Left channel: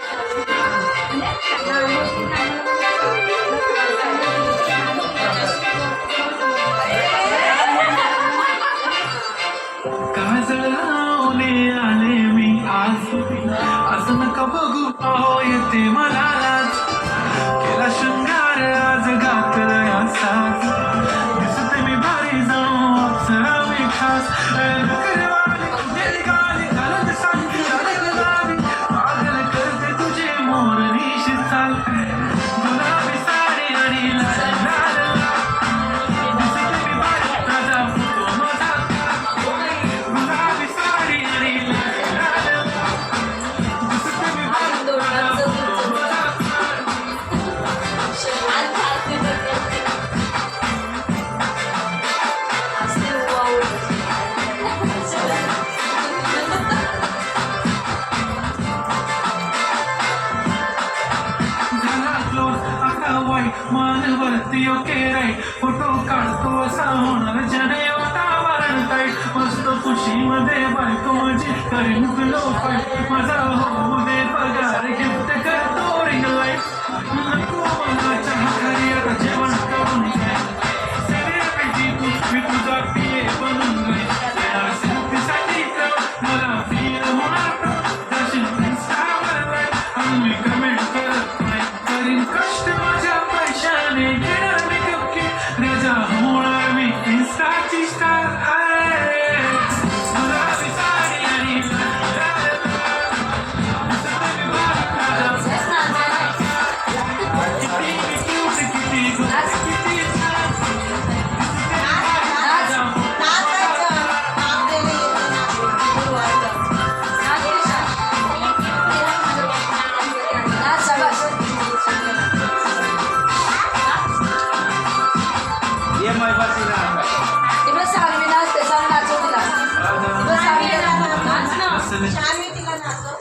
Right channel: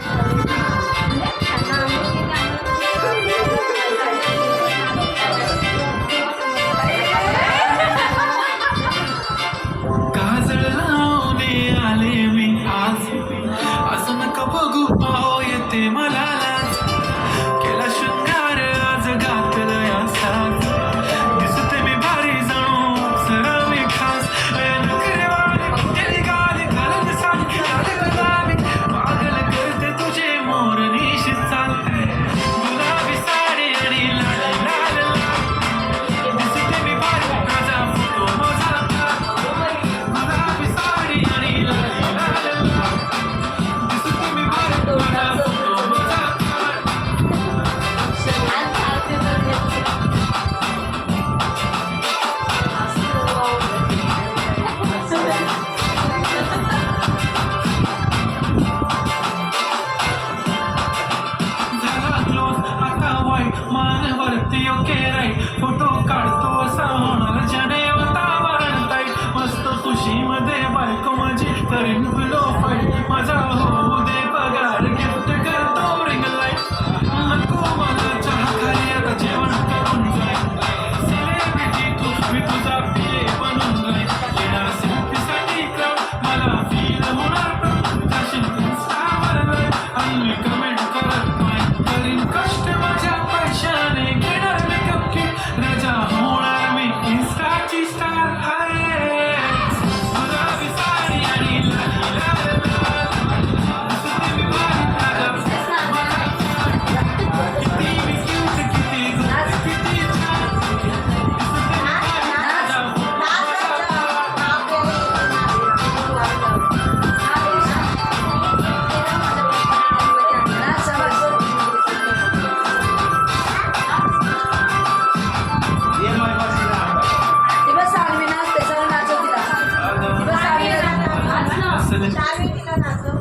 काजळ लावणे आले मी आज, असं नका बघू अहो येते मला लाज. केला शृंगार आज घातला या साज, दिसते मी भारी जणू अप्सरा मी खास. नखरेवाली गेली गाली घालत साली लाडक लावी, पागल करते तुझे मोरनीशी चाल. गुलाबी साडी आणि लाल लाल लाल, दिसते मी भारी माझा फोटो माझा. गुलाबी साडी आणि लाल लाल लाल, दिसते मी भारी माझा फोटो माझा. झाला क्लोज आता वाईट मानवरती ओके राईट, फोटो काढतो असा होणार जने वातावरण ताईट. मस्त खुशीमध्ये बायको माझी करीन पिलो फाईट, माझा होऊ दे पगार गिफ्ट करतो रिंग लाईट. नको मला चहा खाली आता जेवण करून जाईल, सेलिब्रिटी तू मी तुझा पिये बनून जाईल. येणार सेल्फीसाठी क्राऊड मला फील होणार proud. जाशील इन्स्टावर लाईव्ह आणि मी कमेंट करत नाही, करीन कष्ट माझ्या पैशाने घेणार मेकअप किट. राजा होणार मी इन्स्टाची स्टार. गुलाबी साडी आणि लाल लाल लाल, दिसते मी भारी माझा फोटो माझा. किती मी क्यूट किती गुड किती छान, दिसते मी भारी माझा फोटो माझा. ये मैं बसीना